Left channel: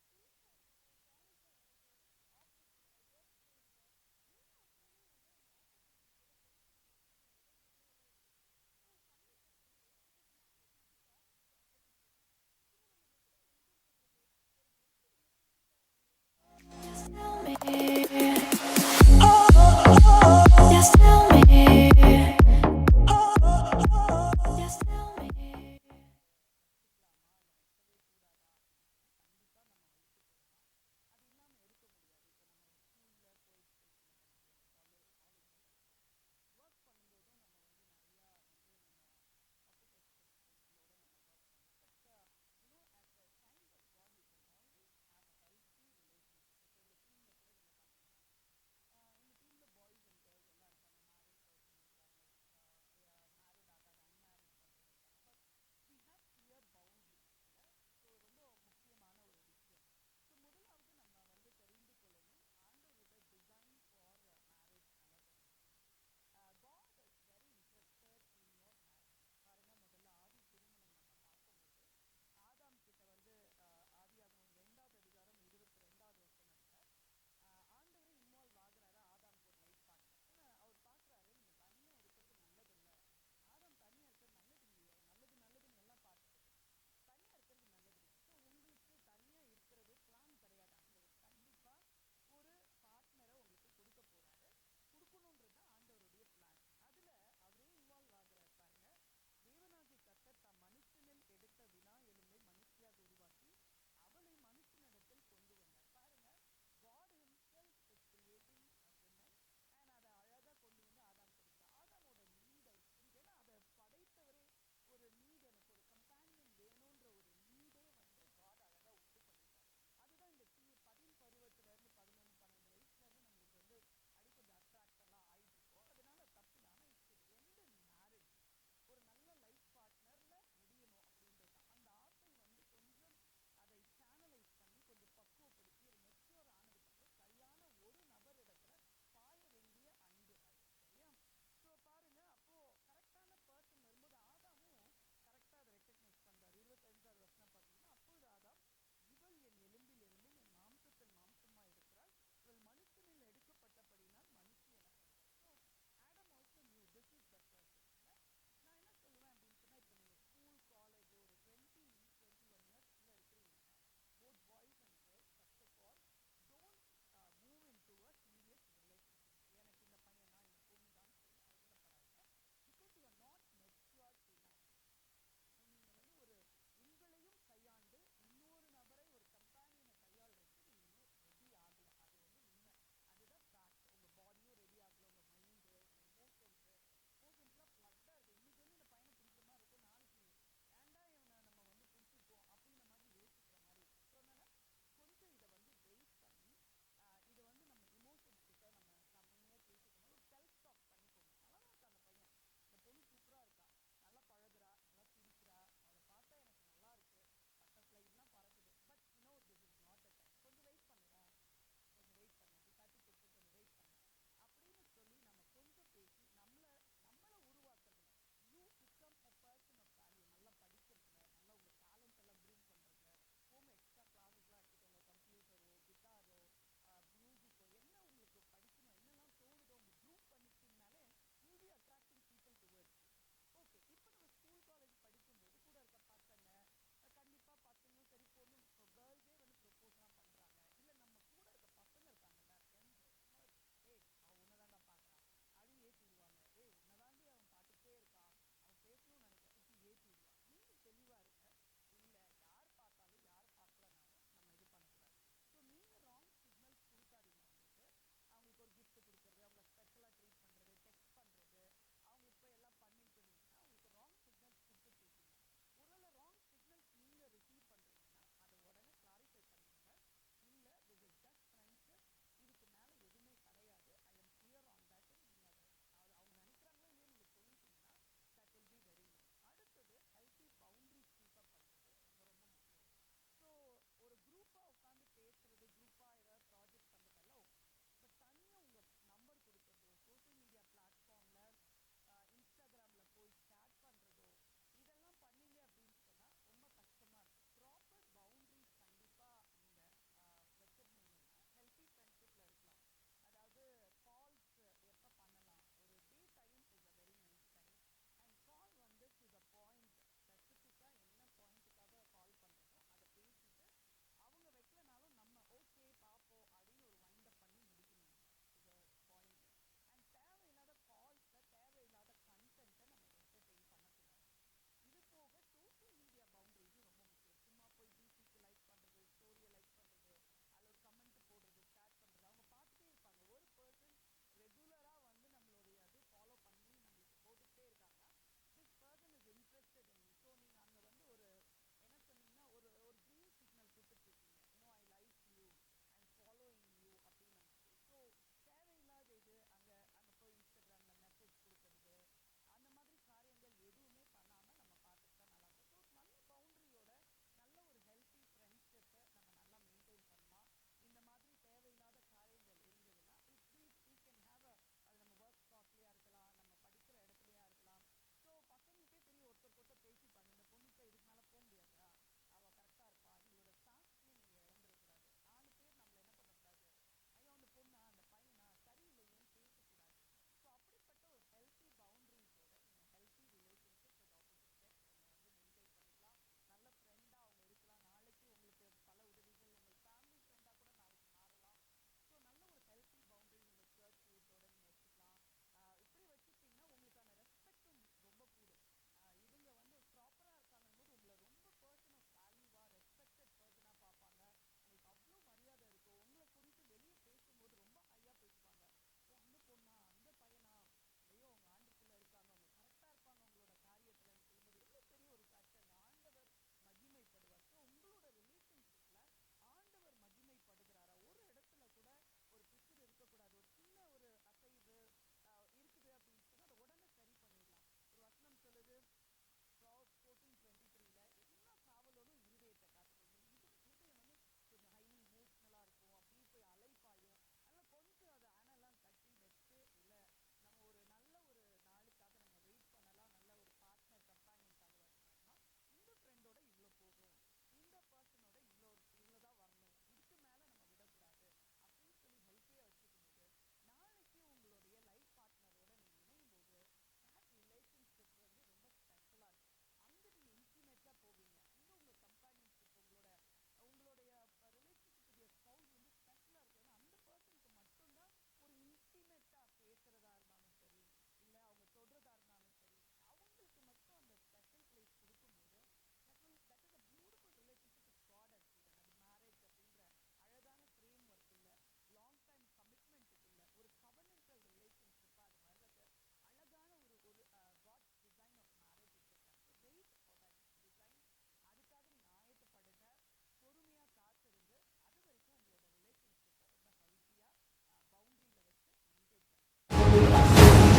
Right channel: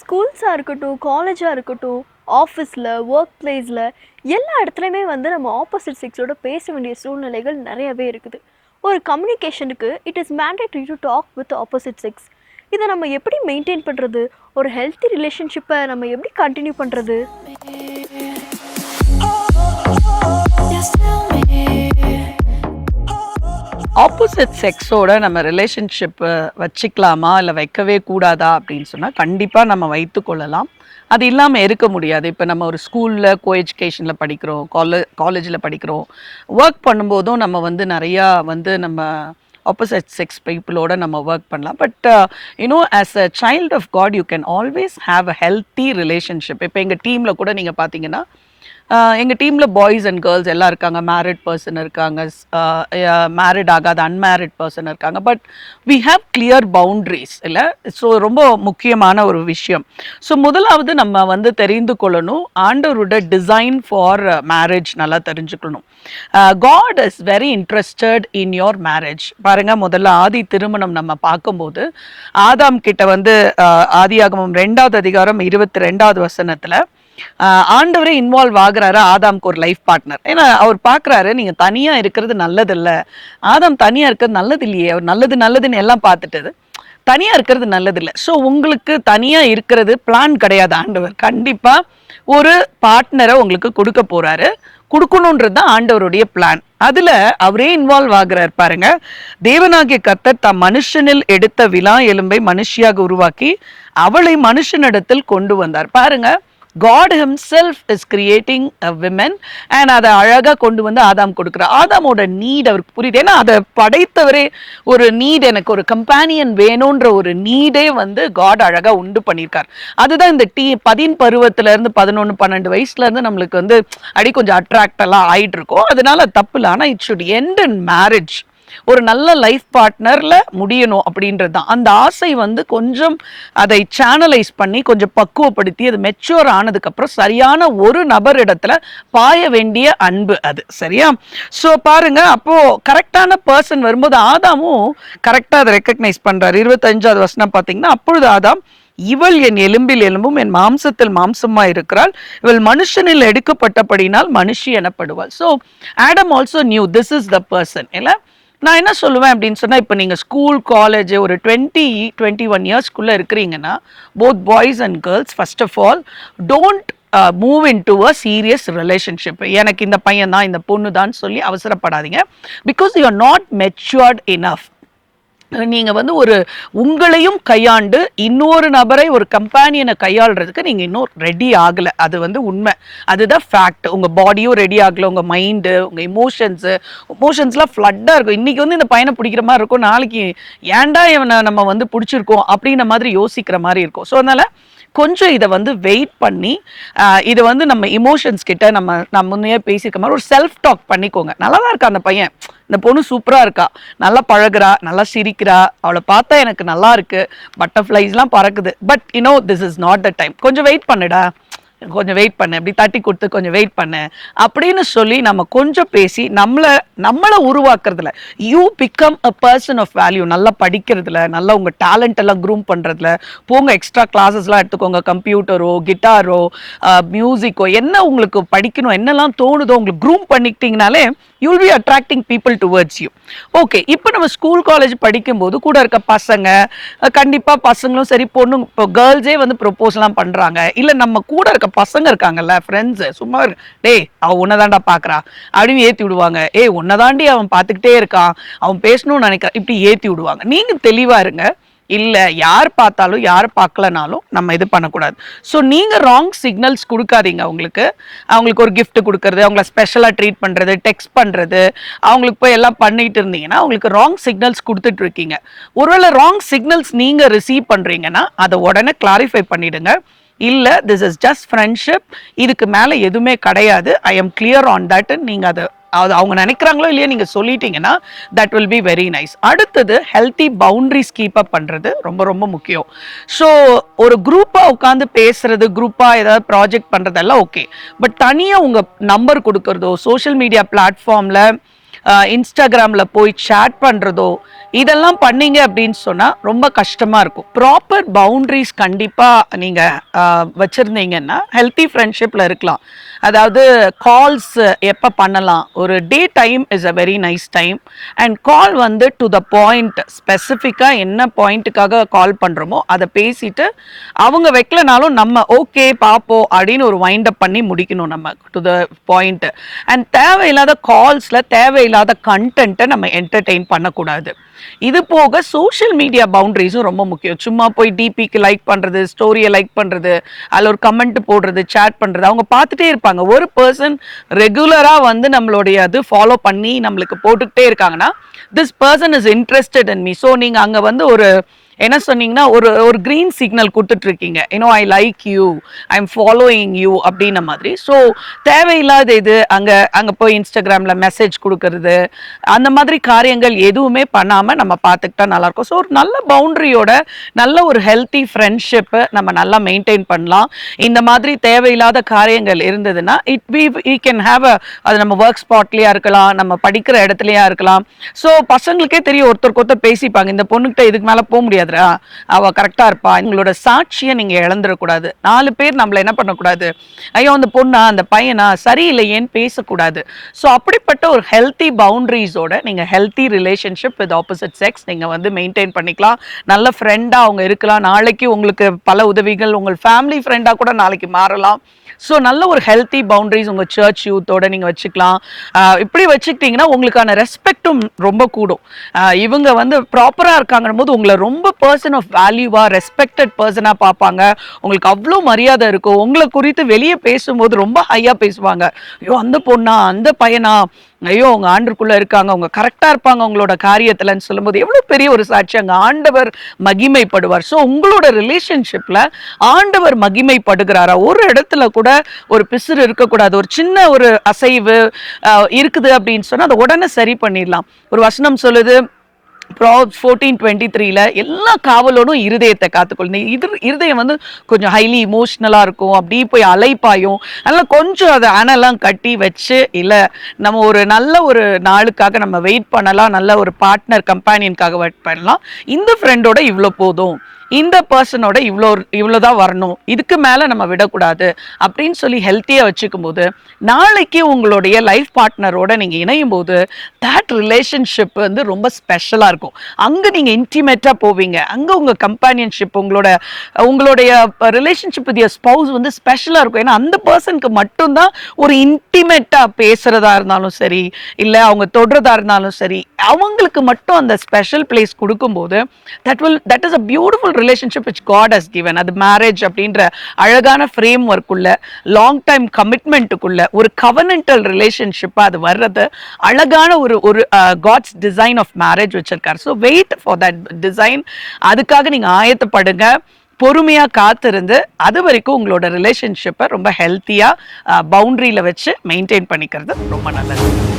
ஸ்கூல்ஸா இருக்கட்டும், காலேஜா இருக்கட்டும், ஆஃபீஸ்ல, வொர்க் பிளேஸ்ல எல்லா இடத்துலயுமே வந்து நம்ம ஆப்போசிட் செக்ஸோட பேச வேண்டிய சூழ்நிலைகள் நெறையவே இருக்குது. ஒரு கம்யூனிகேஷனுக்கு it is mandatory to talk with opposite sex. இத நம்ம எப்படி மெயின்டெயின் பண்றது? ஒரு ஹெல்த்தி ரிலேஷன்ஷிப்ப நம்ம எப்படி கன்டின்யூ பண்றது? ஆப்போசிட் செக்ஸோட நம்ம ரிலேஷன்ஷிப் வச்சுக்கலாமா இல்லை வைக்கவே கூடாதா அப்படின்னு சொன்னால் கண்டிப்பாக நம்ம வைத்து கொள்ளலாம். அது இல்லாமல் இருக்க முடியாது. இப்போ நம்ம ஒரு ஸ்கூலில் எஜுகேஷனில் படிக்கிறோம், காலேஜில் படிக்கிறோம், ஒர்க் பண்ணும்போதும் நம்ம வந்து நிறையா வந்து நம்ம ஆப்போசிட் செக்ஸ் பீப்புளோட நம்ம ஒர்க் பண்ணலாம். But as a child of God you can always have a healthy relationship. இப்போ எங்கள் டீமில் கூட நீங்கள் பார்த்தீங்கன்னா எங்கள் டீமில் பாய்ஸ் அண்ட் கேர்ள்ஸ் எல்லாம் இருக்காங்க. மேரிட் பர்சன் இருக்காங்க, மேரிட் ஆகாத அன்மேரிட் பர்சன் இருக்காங்க. But we have clear boundaries இல்லை. ஸோ ரொம்ப முக்கியமான ஒரு விஷயம். ஸோ முதலாவது நம்ம வந்து தெரிந்து கொள்ளணும், ஆண்டவரோட டிசைன் ஃபார் மேரேஜ் நல்லா தெரிஞ்சுக்கணும். God is very interested in your marriage. பாருங்க, முதல்ல ஆதி திருமணம் நம்ம பார்க்கும்போது ஆதாம் கிட்ட வந்து ஆதியாகமம் 2வது அதிகாரம் 22வது வசனத்துல ஆண்டவரே இன்வால்வ் ஆகுறாரு ஆதாம்க்கு ஒரு லைஃப் பார்ட்னர். ஏன்னா அவர் பார்க்குறாரு, நீங்கள் தனியாக இருக்கிறது நல்லது இல்லை, ஆதாம் தனியாக இருக்கிறது நல்லது இல்லையே, அவர் நல்லதுன்னு எல்லாம் பார்த்துட்டது, தனியாக இருக்கிறது நல்லது இல்லை. ஸோ உங்களுக்கு தனியாக இருக்கிறது பிளான் கிடையாது. ஆண்டவர் கண்டிப்பாக ஒரு பார்ட்னரை உங்களுக்கு கொடுக்க போகிறாரு, கொடுக்கணுன்றது தான் ஆண்டவருடைய பிளான். அதில் அவரே இன்வால்வ் ஆகுறார். பாருங்க, தேவனாகிய கர்த்தர் தம் மனுஷனில் எடுத்த விலா எலும்பை மனுஷியாக உருவாக்கி அவளை மனுஷனிடத்தில் கொண்டு வந்தார். பாருங்க, God himself is creating a woman and அதை அழகாக கொண்டு வந்து ஆதாம் கொடுக்குறார். ஆதாமோட நீட் அவருக்கு புரியுது. ஏன்னா அதை படைத்தவரே ஒரு நீட், எனக்கு ஒரு கம்பேனியன் வேணுன்ற ஒரு நீடே வந்து காட் அழகாக உண்டு பண்ணியிருக்கார். அதுதான் இந்த 10 பருவத்திலேருந்து 11 12 வயசுலேருந்து நம்மளுக்கு வந்து அடி கொஞ்சம் அட்ராக்ட் எல்லாம் ஆயிட்டு இருக்கோம். அதனால தப்பு இல்லை. ஆனால் it should end in marriage. ஒரு நல்ல லைஃப் பார்ட்னர்ல முடியணும் அப்படின்றது தான். அந்த ஆசை வந்து கொஞ்சம் அதை சேனலைஸ் பண்ணி கொஞ்சம் பக்குவப்படுத்தி அது மெச்சூர் ஆனதுக்கப்புறம் சரியான ஒரு நபர் இடத்துல பாய வேண்டிய அன்பு அது. சரியா? ஸோ பாருங்க, அப்போ கரெக்டான பர்சன் வரும்போது ஆதாமும் கரெக்டாக அதை ரெக்கக்னைஸ் பண்றாரு. 25வது வசனம் பார்த்தீங்கன்னா, அப்பொழுது ஆதாம், இவள் என் எலும்பில் எலும்பும் என் மாம்சத்தில் மாம்சமா இருக்கிறாள், இவள் மனுஷனில் எடுக்கப்பட்டபடினால் மனுஷி எனப்படுவாள். So Adam also knew this is the person. இல்லை, நான் என்ன சொல்லுவேன் அப்படின்னு சொன்னால், இப்போ நீங்கள் ஸ்கூல் காலேஜ் ஒரு 20-21 இயர்ஸ்க்குள்ளே இருக்கிறீங்கன்னா, both boys and girls first of all don't move in to a serious relationship. எனக்கு இந்த பையன் தான், இந்த பொண்ணு தான் சொல்லி அவசரப்படாதீங்க. Because you are not matured enough. நீங்கள் வந்து ஒரு உங்களையும் கையாண்டு இன்னொரு நபரை, ஒரு கம்பேனியனை கையாளுறதுக்கு நீங்கள் இன்னும் ரெடி ஆகலை. அது வந்து உண்மை, அதுதான் ஃபேக்ட். உங்கள் பாடியும் ரெடி ஆகலை, உங்கள் மைண்டு, உங்கள் இமோஷன்ஸ்லாம் ஃப்ளட்டாக இருக்கும். இன்றைக்கி வந்து இந்த பையனை பிடிக்கிற மாதிரி இருக்கும், நாளைக்கு ஏன்டா இவனை நம்ம வந்து பிடிச்சிருக்கோம் அப்படின்ற மாதிரி யோசிக்கிற மாதிரி இருக்கும். ஸோ அதனால் கொஞ்சம் இதை வந்து வெயிட் பண்ணி இதை வந்து நம்ம இமோஷன்ஸ் கிட்ட நம்ம முன்னே பேசியிருக்க மாதிரி ஒரு செல்ஃப் டாக் பண்ணிக்கோங்க. நல்லா தான் இருக்கா அந்த பையன், இந்த பொண்ணு சூப்பராக இருக்கா, நல்லா பழகுறா, நல்லா சிரிக்கிறா, அவளை பார்த்தா எனக்கு நல்லா இருக்கு, பட்டர்ஃப்ளைஸ்லாம் பறக்குது, but this is not the time, கொஞ்சம் வெயிட் பண்ணுடா, கொஞ்சம் வெயிட் பண்ணு, அப்படி தட்டி கொடுத்து கொஞ்சம் வெயிட் பண்ணு அப்படின்னு சொல்லி நம்ம கொஞ்சம் பேசி நம்மளை உருவாக்குறதுல you become a person of value. நல்லா படிக்கிறதுல, நல்லா உங்கள் டேலண்ட் எல்லாம் க்ரூம் பண்ணுறதுல போங்க. எக்ஸ்ட்ரா கிளாஸஸ்லாம் எடுத்துக்கோங்க. கம்ப்யூட்டரோ, கிட்டாரோ, மியூசிக்கோ, என்ன உங்களுக்கு படிக்கணும், என்னெல்லாம் தோணுதோ உங்களுக்கு க்ரூம் பண்ணிக்கிட்டீங்கனாலே you'll be attracting people towards you. Okay, இப்போ நம்ம ஸ்கூல் காலேஜ் படிக்கும்போது கூட இருக்க பசங்க, கண்டிப்பாக பசங்களும் சரி பொண்ணுங்க, இப்போ கேர்ள்ஸே வந்து ப்ரொப்போஸ்லாம் பண்ணுறாங்க. இல்லை நம்ம கூட இருக்க பசங்க இருக்காங்கல்ல, ஃப்ரெண்ட்ஸு, சும்மா டேய் அவன் உன்னதாண்டா பார்க்குறா அப்படின்னு ஏற்றி விடுவாங்க. உன்னதாண்டி அவன் பார்த்துக்கிட்டே இருக்கான், அவன் பேசணும்னு நினைக்கிறான், இப்படி ஏற்றி விடுவாங்க. நீங்கள் தெளிவாக இருங்க. இல்லை, யார் பார்த்தாலும் யார் பார்க்கலனாலும் நம்ம இது பண்ணக்கூடாது. ஸோ நீங்கள் ராங் சிக்னல்ஸ் கொடுக்காதீங்க. அவங்களுக்கு ஒரு கிஃப்ட் கொடுக்கறது, அவங்கள ஸ்பெஷலாக ட்ரீட் பண்ணுறது, டெக்ஸ்ட் பண்ணுறது, அவங்களுக்கு போய் எல்லாம் பண்ணிட்டு இருந்தீங்கன்னா அவங்களுக்கு ராங் சிக்னல்ஸ் கொடுத்துட்டு இருக்கீங்க. ஒருவேளை ராங் சிக்னல்ஸ் நீங்கள் ரிசீவ் பண்ணுறீங்கன்னா அதை உடனே கிளாரிஃபை பண்ணிடுங்க. இல்லை, திஸ் இஸ் ஜஸ்ட் ஃப்ரெண்ட்ஷிப், இதுக்கு மேலே எதுவுமே கிடையாது, I am clear on that. நீங்கள் அது அவங்க நினைக்கிறாங்களோ இல்லையா நீங்கள் சொல்லிட்டீங்கன்னா that will be very nice. அடுத்தது ஹெல்த்தி பவுண்ட்ரிஸ் கீப் அப் பண்ணுறது ரொம்ப ரொம்ப முக்கியம். ஸோ ஒரு குரூப்பாக உட்காந்து பேசுறது, குரூப்பாக ஏதாவது ப்ராஜெக்ட் பண்ணுறதெல்லாம் ஓகே, பட் தனியாக உங்கள் நம்பர் கொடுக்கறதோ, சோஷியல் மீடியா பிளாட்ஃபார்மில் இன்ஸ்டாகிராமில் போய் சேட் பண்ணுறதோ இதெல்லாம் பண்ணீங்க அப்படின்னு சொன்னால் ரொம்ப கஷ்டமாக இருக்கும். ப்ராப்பர் பவுண்ட்ரிஸ் கண்டிப்பாக நீங்கள் வச்சுருந்தீங்கன்னா ஹெல்த்தி ஃப்ரெண்ட்ஷிப்பில் இருக்கலாம். அதாவது கால்ஸ் எப்போ பண்ணலாம், ஒரு day time is a very nice time. And call வந்து டு த பாயிண்ட், ஸ்பெசிஃபிக்காக என்ன பாயிண்ட்டுக்காக கால் பண்ணுறோமோ அதை பேசிட்டு அவங்க வைக்கலனாலும் நம்ம ஓகே பார்ப்போம் அப்படின்னு ஒரு வைண்ட் அப் பண்ணி முடிக்கணும் நம்ம டு த பாயிண்ட். அண்ட் தேவையில்லாத கால்ஸில் தேவையில்லாத கண்டென்ட்டை நம்ம என்டர்டெயின் பண்ணக்கூடாது. இது போக சோஷியல் மீடியா பவுண்டரிஸும் ரொம்ப முக்கியம். சும்மா போய் டிபிக்கு லைக் பண்ணுறது, ஸ்டோரியை லைக் பண்ணுறது, அதில் ஒரு கமெண்ட் போடுறது, சேட் பண்ணுறது, அவங்க பார்த்துட்டே இருப்பாங்க. ஒரு பர்சன் ரெகுலராக வந்து நம்மளுடைய அது ஃபாலோ பண்ணி நம்மளுக்கு போட்டுக்கிட்டே இருக்காங்கன்னா this person is interested in me. So நீங்கள் அங்கே வந்து ஒரு என்ன சொன்னீங்கன்னா ஒரு கிரீன் சிக்னல் கொடுத்துட்டு இருக்கீங்க, I like you, I am following you அப்படின்ன மாதிரி. ஸோ தேவையில்லாத இது அங்கே போய் இன்ஸ்டாகிராமில் மெசேஜ் கொடுக்கறது, அந்த மாதிரி காரியங்கள் எதுவுமே பண்ணாமல் நம்ம பார்த்துக்கிட்டா நல்லாயிருக்கும். ஸோ ஒரு நல்ல பவுண்ட்ரியோட நல்ல ஒரு ஹெல்த்தி ஃப்ரெண்ட்ஷிப்பை நம்ம நல்லா மெயின்டைன் பண்ணலாம். இந்த மாதிரி தேவையில்லாத காரியங்கள் இருந்ததுன்னா we can have அது நம்ம ஒர்க் ஸ்பாட்லேயா இருக்கலாம், நம்ம படிக்கிற இடத்துலையா இருக்கலாம். ஸோ பசங்களுக்கே தெரியும், ஒருத்தருக்கு ஒருத்தர் பேசிப்பாங்க, இந்த பொண்ணுகிட்ட இதுக்கு மேலே போக முடியாது, அவ கரெக்டா இருப்பா. உங்களோட சாட்சியை நீங்க இழந்துடக்கூடாது. 4 பேர் நம்மள என்ன பண்ணக்கூடாது, ஐயோ அந்த பொண்ணா அந்த பையனா சரியில்லையேன்னு பேசக்கூடாது. ஸோ அப்படிப்பட்ட ஒரு ஹெல்த்தி பவுண்டரிஸோட நீங்க healthy relationship with opposite sex நீங்க வந்து மெயின்டைன் பண்ணிக்கலாம். நல்ல ஃப்ரெண்டா அவங்க இருக்கலாம். நாளைக்கு உங்களுக்கு பல உதவிகள், உங்கள் ஃபேமிலி ஃப்ரெண்டா கூட நாளைக்கு மாறலாம். ஸோ நல்ல ஒரு ஹெல்த்தி பவுண்டரிஸ் உங்கள் சர்ச் யூத்தோட நீங்கள் வச்சுக்கலாம். இப்படி வச்சுக்கிட்டிங்கன்னா உங்களுக்கான ரெஸ்பெக்டும் ரொம்ப கூடும். இவங்க வந்து ப்ராப்பராக இருக்காங்கன்னு போது உங்களை ரொம்ப பர்சன் ஆஃப் வேல்யூவாக, ரெஸ்பெக்டட் பர்சனாக பார்ப்பாங்க. உங்களுக்கு அவ்வளோ மரியாதை இருக்கும். உங்களை குறித்து வெளியே பேசும்போது ரொம்ப ஹையாக பேசுவாங்க. ஐயோ அந்த பொண்ணா, அந்த பையனா, ஐயோ அவங்க ஆண்டுக்குள்ளே இருக்காங்க, அவங்க கரெக்டாக இருப்பாங்க உங்களோட காரியத்தில்ன்னு சொல்லும்போது எவ்வளோ பெரிய ஒரு சாட்சி. அங்கே ஆண்டவர் மகிமைப்படுவார். ஸோ உங்களோட ரிலேஷன்ஷிப்பில் ஆண்டவர் மகிமைப்படுகிறாரா? ஒரு இடத்துல கூட ஒரு பிசுறு இருக்கக்கூடாது. ஒரு சின்ன ஒரு அசைவு இருக்குது அப்படின்னு சொன்னால் அதை உடனே சரி பண்ணிடலாம். ஒரு வசனம் சொல்லுது Proverbs 14:23ல எல்லா காவலோடும் இருதயத்தை காத்துக்கொள்ளும். இருதயம் வந்து கொஞ்சம் ஹைலி இமோஷ்னலாக இருக்கும், அப்படி போய் அலைப்பாயும். அதனால் கொஞ்சம் அதை அனெல்லாம் கட்டி வச்சு, இல்லை நம்ம ஒரு நல்ல ஒரு நாளுக்காக நம்ம வெயிட் பண்ணலாம், நல்ல ஒரு பார்ட்னர் கம்பேனியனுக்காக வெயிட் பண்ணலாம். இந்த ஃப்ரெண்டோட இவ்வளோ போதும், இந்த பர்சனோட இவ்வளோதான் வரணும், இதுக்கு மேலே நம்ம விடக்கூடாது அப்படின்னு சொல்லி ஹெல்த்தியாக வச்சுக்கும் போது நாளைக்கு உங்களுடைய லைஃப் பார்ட்னரோட நீங்கள் இணையும் போது தட் ரிலேஷன்ஷிப் வந்து ரொம்ப ஸ்பெஷலாக இருக்கும். அங்கே நீங்கள் இன்டிமேட்டாக போவீங்க. அங்கே உங்கள் கம்பேனியன்ஷிப், உங்களுடைய ரிலேஷன்ஷிப் வித் யுவர் ஸ்பௌஸ் வந்து ஸ்பெஷலாக இருக்கும். ஏன்னா அந்த பர்சனுக்கு மட்டும்தான் ஒரு இன்டிமேட்டாக பேசுகிறதா இருந்தாலும் சரி, இல்லை அவங்க தொடுறதா இருந்தாலும் சரி, அவங்களுக்கு மட்டும் அந்த ஸ்பெஷல் பிளேஸ் கொடுக்கும்போது that is a beautiful relationship which God has given. அது மேரேஜ் அப்படின்ற அழகான ஃப்ரேம் ஒர்க்குள்ள, லாங் டைம் கமிட்மெண்ட்டுக்குள்ள ஒரு கவர்னன்டல் ரிலேஷன்ஷிப்பாக அது வர்றது அழகான ஒரு காட்ஸ் டிசைன் ஆஃப் மேரேஜ் வச்சிருக்காரு. So wait for that design. அதுக்காக நீங்கள் ஆயத்தப்படுங்க, பொறுமையாக காத்திருந்து அது வரைக்கும் உங்களோட ரிலேஷன்ஷிப்பை ரொம்ப ஹெல்த்தியாக பவுண்ட்ரியில் வச்சு மெயின்டைன் பண்ணிக்கிறது ரொம்ப நல்லது.